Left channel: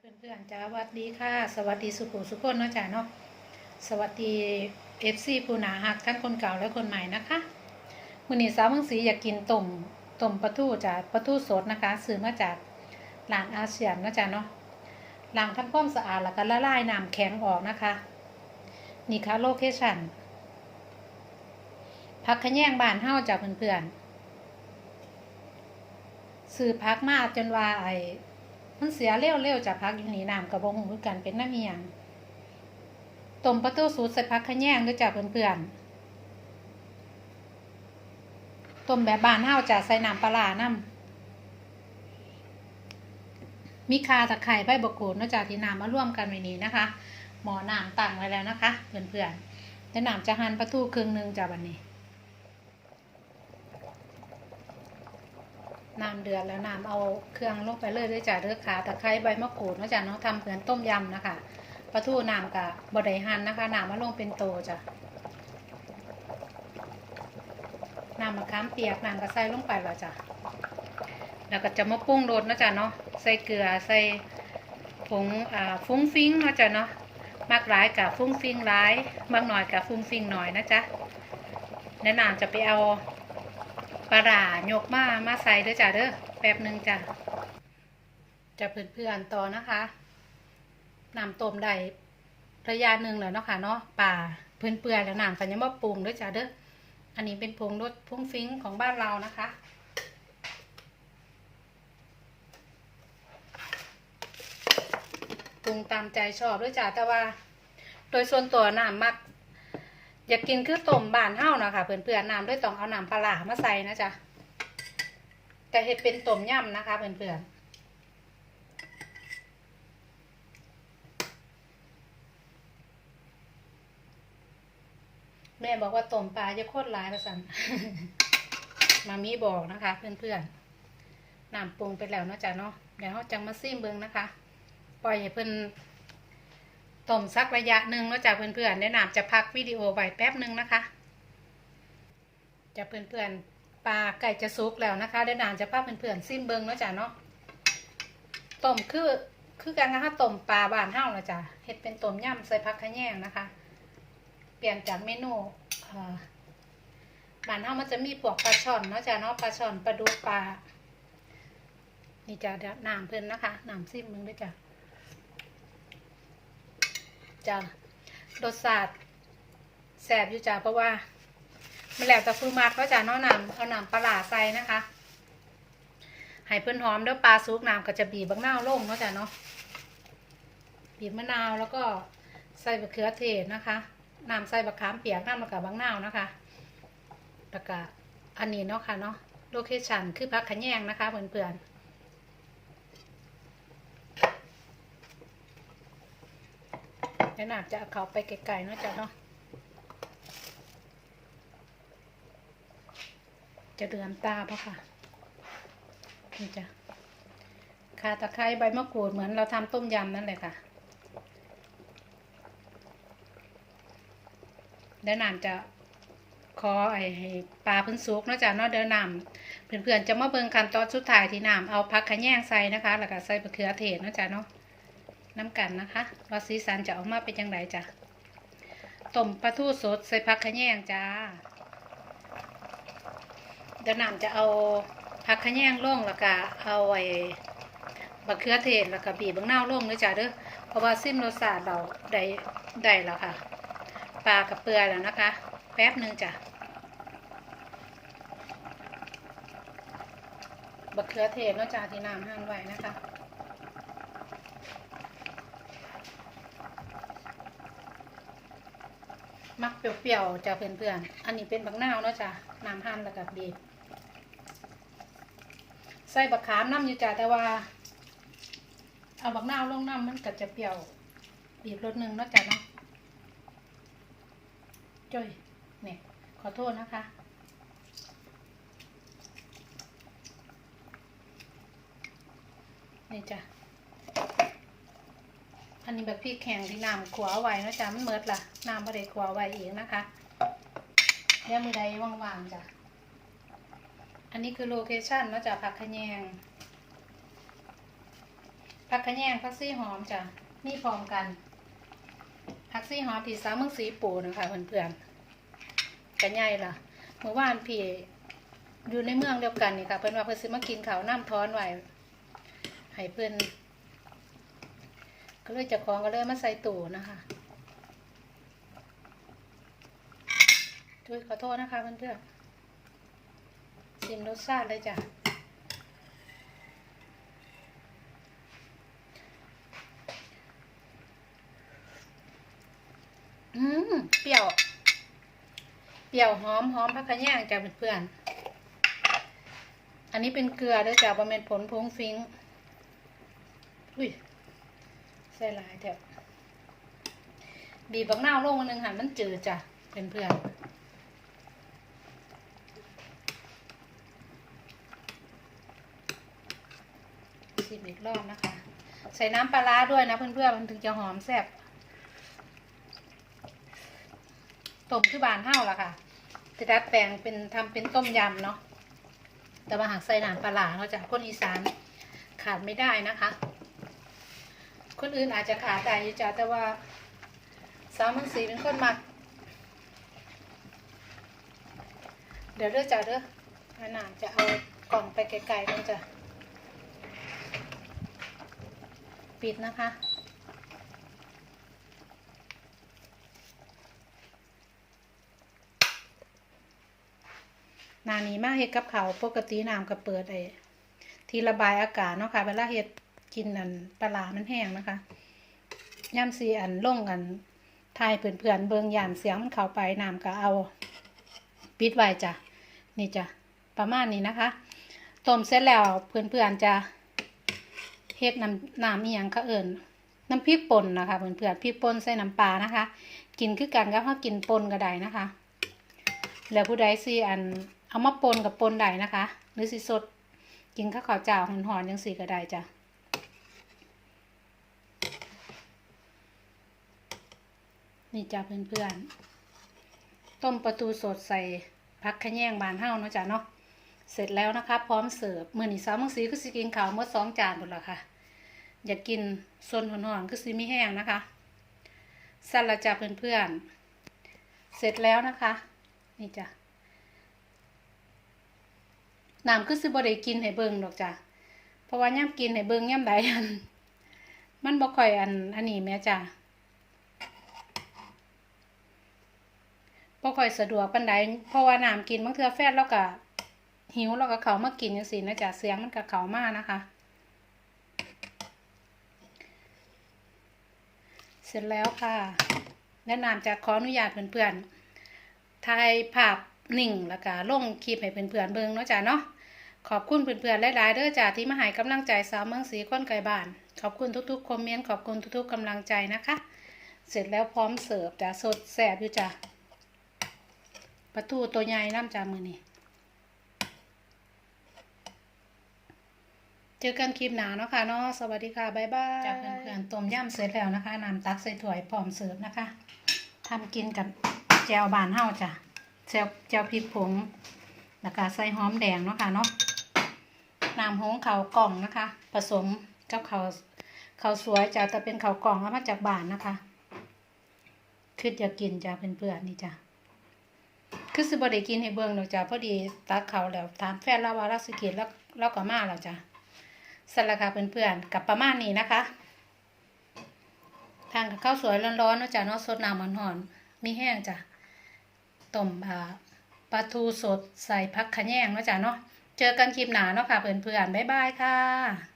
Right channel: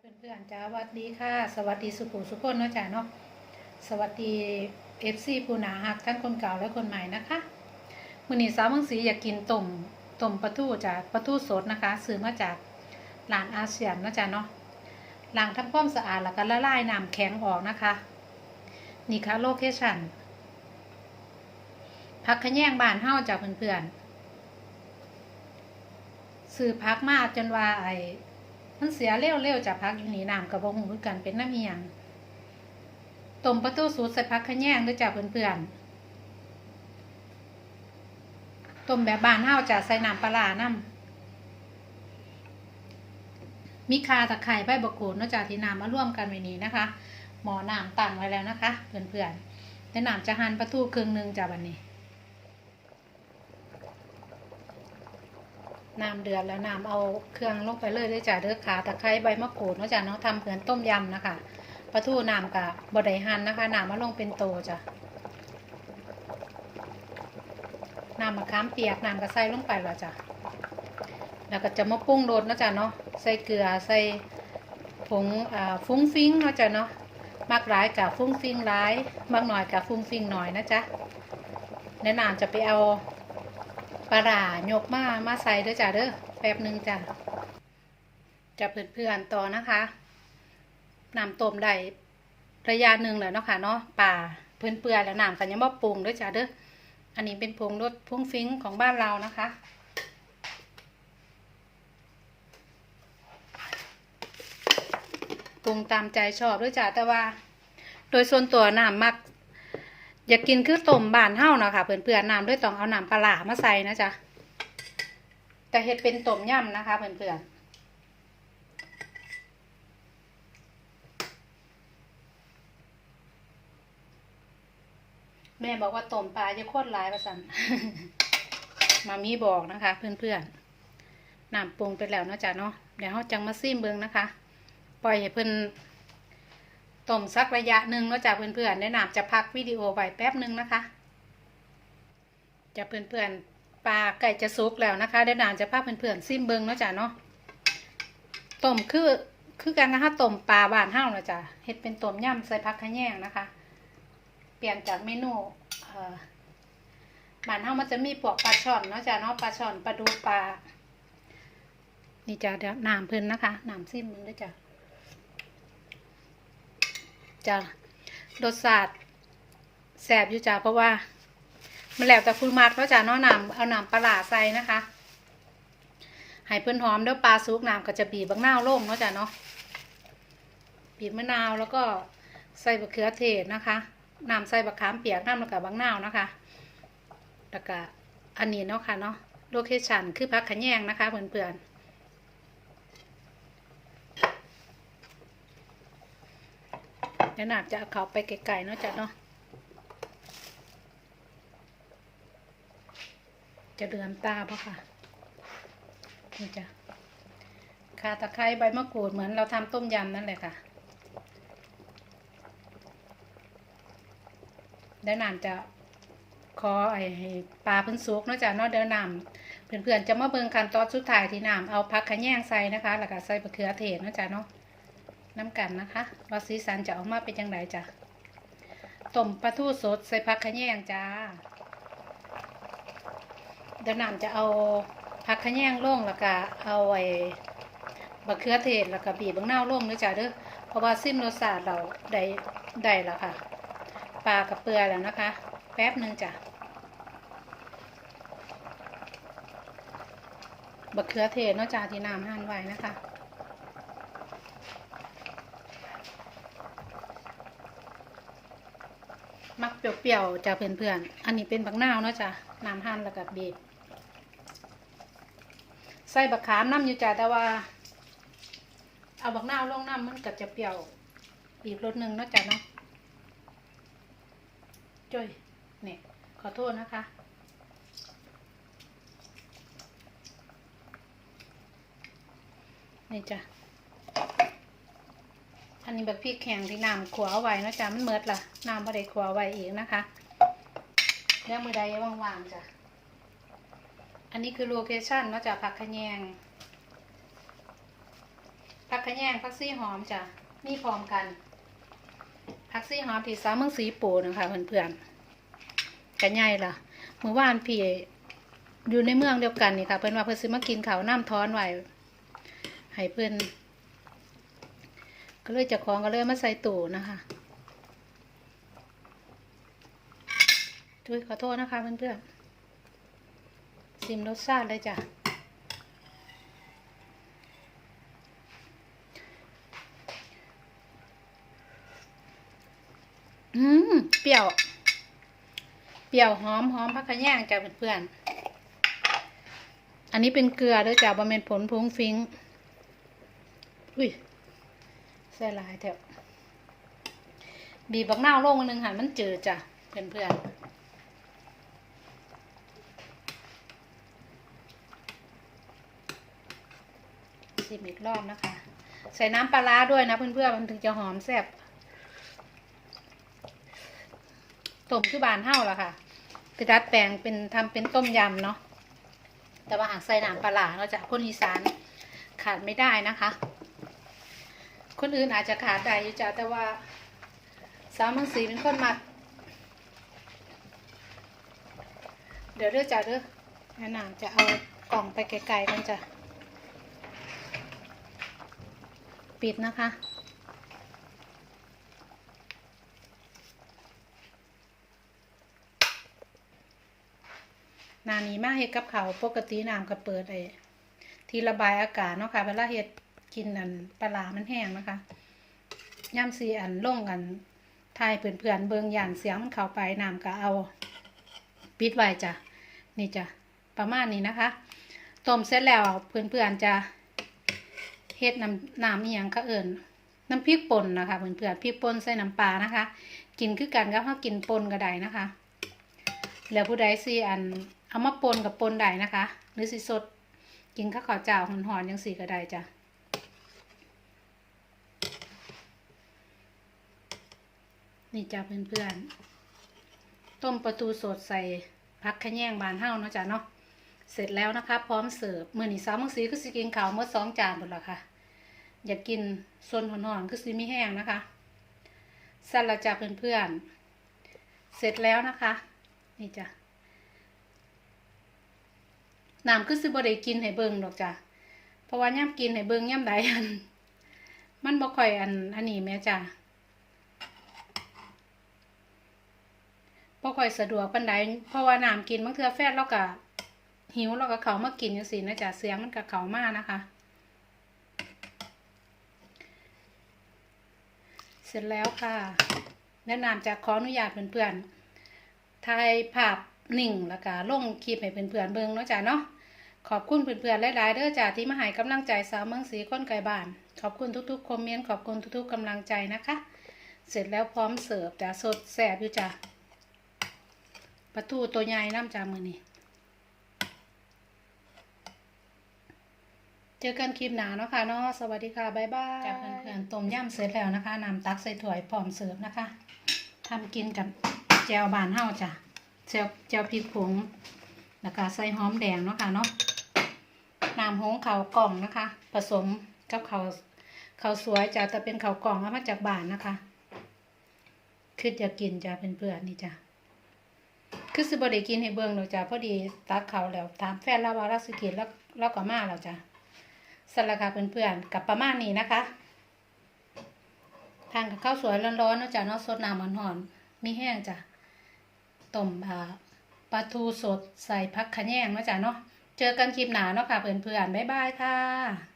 เพื่อนๆจ้าสวัสดีค่ะ สวัสดีสุขุมสุขคนเนาะจ้าเนาะสวัสดีเอฟซีผู้หนาหักทั้งคนเก่าและคนใหม่นะคะมื้อนี้สาวเมืองศรีอยากกินต้มต้มปลาทูจ้าปลาทูสดนะคะซื้อมาจากร้านอาเซียนเนาะจ้าเนาะล้างทำความสะอาดแล้วก็ละลายน้ำแข็งออกนะคะ นี่ค่ะโลเคชั่นพักขแยงบ้านเฮาจ้าเพื่อนๆซื้อพักมาจนว่าไอ มันเสียเร็วๆจากพักอยู่นี่น้ำกับบ่หูกันเป็นน้ำเอียงต้มประตูสูตรใส่พักขะแยงด้วยจ้ะเพื่อนๆต้มแบบบานเฮาจะใส่น้ำปลาน้ำมีคาตะไคร้ใบบกกูดนาะจ้ะที่น้ำมาร่วมกันไว้นี้นะคะ หมอน้ำตั้งไว้แล้วนะคะ เพื่อนๆแต่น้ำจะหั่นประตูครึ่งหนึ่งจ้ะวันนี้ น้ำเดือดแล้วน้ำเอาเครื่องลงไปเลยเลยจ้ะเด้อขาตะไคร้ใบมะกรูดเนาะจ้ะเนาะทำเหมือนต้มยำนะคะปลาทูน้ำกับบไดหันนะคะน้ำมาลงเป็นโตจ้ะน้ำมะขามเปียกน้ำก็ใส่ลงไปและจ้ะแล้วก็จะมาปรุงรสเนาะจ้ะเนาะใส่เกลือใส่ผงอ่าฟุ้งฟิ้งเนาะจ้ะเนาะมากหลายกับฟุ้งฟิ้งหลายมากหน่อยกับฟุ้งฟิ้งหน่อยนะจ๊ะแล้วน้ำจะไปเอา ปลาร้ายกมามาใส่เด้อจ้ะเด้อแป๊บหนึ่งจ้ะจะเพื่อนๆต่อนะคะน้ำต้มได้ระยะหนึ่งเลยเนาะค่ะเนาะป่าเพื่อนเปื่อยแล้วน้ำกันยังบ่ปรุงเด้อจ้ะเด้ออันนี้เป็นผงรสพุ่งฟิ้งของบ้านเรานะคะปรุงตามใจชอบด้วยจ้ะแต่ว่า โดยส่วนตัวน้ำมัก อยากกินคือต้มบานเฮ้านะคะเพื่อนๆน้ำด้วยต้องเอาน้ำปลามาใส่นะจ๊ะแต่เฮ็ดเป็นต้มยำนะคะเพื่อนๆแม่บอกว่าต้มปลาจะโคตรหลายประสันมามีบอกนะคะ เพื่อนๆน้ำปรุงไปแล้วนะจ๊ะเนาะเดี๋ยวเราจังมาซิมเบิงนะคะ ปล่อยให้เพื่อน ต้มสักระยะหนึ่งแล้วจ้ะเพื่อนๆแนะนำจะพักวิดีโอไว้แป๊บหนึ่งนะคะจะเพื่อนๆปลาไก่จะสุกแล้วนะคะแนะนำจะพักเพื่อนๆซิมเบิงแล้วจ้ะเนาะต้มคือคือกันนะคะต้มปลาบานเฮ้าแล้วจ้ะเฮ็ดเป็นต้มยำใส่ผักขะแยงนะคะ เปลี่ยนจากเมนูบานเฮ้ามันจะมีพวกปลาช่อนเนาะจ้ะเนาะปลาช่อนปลาดูปลานี่จ้ะเดี๋ยวน้ำเพิ่นนะคะน้ำซิมมึงด้วยจ้ะ จ้ะรสชาติแสบอยู่จ้ะเพราะว่า มันแล้วแต่คุณมากก็จะเนาะน้ำเอาน้ำปลาใส่นะคะให้เพื่อนหอมเด้วยปลาซุกน้ำก็จะบีบบางนาวลงเนาะจ้ะเนาะบีบมะนาวแล้วก็ใส่บะเขือเทศนะคะน้ำใส่บะขามเปียกน้ำแล้วกับบางนาวนะคะแล้วก็อันนี้เนาะค่ะเนาะโลเคชั่นคือพักขะแยงนะคะเพื่อนๆ เดี๋ยวหนาจะเอาเขาไปไกลๆเนาะจ้ะเนาะจะเดือมตาเพราะค่ะนี่จ้ะข่าตะไคร้ใบมะกรูดเหมือนเราทำต้มยำนั่นแหละค่ะเดี๋ยวนามจะขอไอ้ปลาพื้นสุกนาะจ้ะเนาะเดี๋ยวนามเพื่อนๆจะมาเบิ่งขั้นตอนสุดท้ายที่นามเอาผักขะแยงใส่นะคะ แล้วก็ใส่มะเขือเทศนาะจ้ะเนาะ น้ำกันนะคะว่าสีสันจะออกมาเป็นยังไงจ้ะต้มปลาทูสดใส่ผักขะแยงจ้าเดี๋ยวน้ำจะเอาผักขะแยงลงแล้วก็เอาไอ้บะเขือเทศแล้วก็บีบบางนาวลงเลยจ้ะเด้อเพราะว่าซิมรสชาติเราได้ได้แล้วค่ะปลากับเปลือแล้วนะคะ แป๊บหนึ่งจ้ะบะเขือเทศเนาะจ้ะที่น้ำหั่นไว้นะคะ มักเปรี้ยวๆจ้ะเพื่อนๆ อันนี้เป็นบักนาวเนาะจ้ะน้ำหั่นแล้วกับบีบใส่บักขามน้ำอยู่จ้ะแต่ว่า เอาบักนาวลงน้ำมันก็จะเปรี้ยวบีบรสหนึ่งนะจ้ะเนาะจ้อยเนี่ยขอโทษนะคะนี่จ้ะ อันนี้แบบพริกแข็งที่น้ำขัวาไว้เนาะจ๊ะมันเมิดล่ะน้ำบ่ได้ขัวไว้อีกนะคะเดี๋ยวมือใดว่างๆจ้ะอันนี้คือโลเคชั่นเนาะจ๊ะผักขะแยงผักขะแยงผักซี่หอมจ้ะมีพร้อมกันผักซี่หอมที่สามเมืองสีปูนะคะเพื่อนๆกันใหญ่ล่ะเมื่อวานพี่อยู่ในเมืองเดียวกันนี่ค่ะเพื่อนว่าเพื่อนซื้อมากินข้าวน้ำท้อนไว้ให้เพื่อน ก็เลยจะของก็เลยมาใส่ตู้นะคะด้วยขอโทษนะคะเพื่อนๆชิมรสชาติเลยจ้ะอืมเปรี้ยว เปรี้ยวหอมหอมพักกระแยงจ้ะเพื่อนๆอันนี้เป็นเกลือด้วยจ้ะบะเม็นผลพงฟิงอุ้ย ใส่หลายเถอะบีบบักนาวลงนึงค่ะมันจืดจ้ะเพื่อนๆชิมอีกรอบนะคะ ใส่น้ำปลาร้าด้วยนะเพื่อนๆมันถึงจะหอมแซ่บต้มที่บานเฮ้าละค่ะไปดัดแปลงเป็นทำเป็นต้มยำเนาะแต่ว่าหากใส่น้ำปลาร้าเราจะคนอีสานขาดไม่ได้นะคะ คนอื่นอาจจะขาดได้อยู่จ้ะแต่ว่าสาวเมืองศรีเป็นคนมัก เดี๋ยวเด้อจ้ะเด้อนั่นน่ะจะเอากล่องไปไกลๆกันจ้ะปิดนะคะนานี้มาเฮ็ดกับเขาปกติน้ำก็เปิดไอ้ที่ระบายอากาศเนาะค่ะเวลาเฮ็ด กินอันปลามันแห้งนะคะย่ำซีอันล่งกันทายเพื่อนๆเบิงย่านเสียงมันเข้าไปน้ำก็เอา ปิดไว้จ้ะนี่จ้ะประมาณนี้นะคะต้มเสร็จแล้วเพื่อนๆจะเฮ็ดน้ำน้ำอีหยังก็เอิญน้ำพริกป่นนะคะเพื่อนๆพริกป่นใส่น้ำปลานะคะ กินคือกันก็ถ้ากินป่นก็ได้นะคะ แล้วผู้ใดสิอันเอามาป่นกับปนได้นะคะ หรือสิสดกินข้าวขาวเจ้าหอนๆยังสีก็ได้จ้ะ นี่จ้ะเพื่อนๆ ต้มประตูสดใส่พักขแยงบานเฮ้าเนาะจ้ะเนาะ เสร็จแล้วนะคะ พร้อมเสิร์ฟมือนี่สาวมังสีก็สิกินขาวเมื่อสองจานหมดละค่ะ อยากกินซนหอนๆก็สิมีแห้งนะคะสั่นละจ้ะเพื่อนๆ เสร็จแล้วนะคะ นี่จ้ะน้ำคือสิบ่ได้กินให้เบิงดอกจ้ะ เพราะว่าย่ำกินให้เบิงย่ำใดอัน มันบ่ค่อยอันอันนี้แม่จ้ะ บ่ค่อยสะดวกปานใดเพราะว่าน้ำกินบางเทื่อแฟนเราก็หิวเราก็เขามากินจังซี่นะจ้ะเสียงมันก็เขามากนะคะ เสร็จแล้วค่ะแนะนำจะขออนุญาตเพื่อนๆถ่ายภาพนิ่งแล้วก็ลงคลิปให้เพื่อนๆเบิ่งเนาะจ้ะเนาะขอบคุณเพื่อนๆหลายๆเด้อจ้ะที่มาให้กำลังใจสาวเมืองศรีคนไกลบ้าน ขอบคุณทุกๆคอมเมนต์ขอบคุณทุกๆกำลังใจนะคะ เสร็จแล้วพร้อมเสิร์ฟจ้ะสดแสบอยู่จ้ะ ปลาทูตัวใหญ่น้ำจามือนี่เจอกันคลิปหนาเนาะค่ะเนาะสวัสดีค่ะบ๊ายบายจ้ะเพื่อนๆต้มยำเสร็จแล้วนะคะน้ำตักใส่ถ้วยพร้อมเสิร์ฟนะคะทำกินกับแจวบานเฮาจ้ะแจวแจวพริกผงแล้วก็ใส่หอมแดงเนาะค่ะเนาะน้ำหงเขากล่องนะคะ ผสมกับเขาเขาสวยจ้ะแต่เป็นเขากล่องเอามาจากบ้านนะคะคืออยากกินจ้ะเพื่อนๆนี่จ้ะ คือสิบ่ได้กินให้เบิ่งดอกจ้ะพอดีตักเขาแล้วถามแฟนเราว่าเราสิกินแล้วเราก็มาแล้วจ้ะสลักค่ะเพื่อนๆกับประมาณนี้นะคะ ทานกับข้าวสวยร้อนๆเนาะจ้ะเนาะสดน้ำหอนๆมีแห้งจ้ะต้มอ่าปลาทูสดใส่พักขะแยงเนาะจ้ะเนาะเจอกันคลิปหนาเนาะค่ะเพื่อนๆบ๊ายบายค่ะ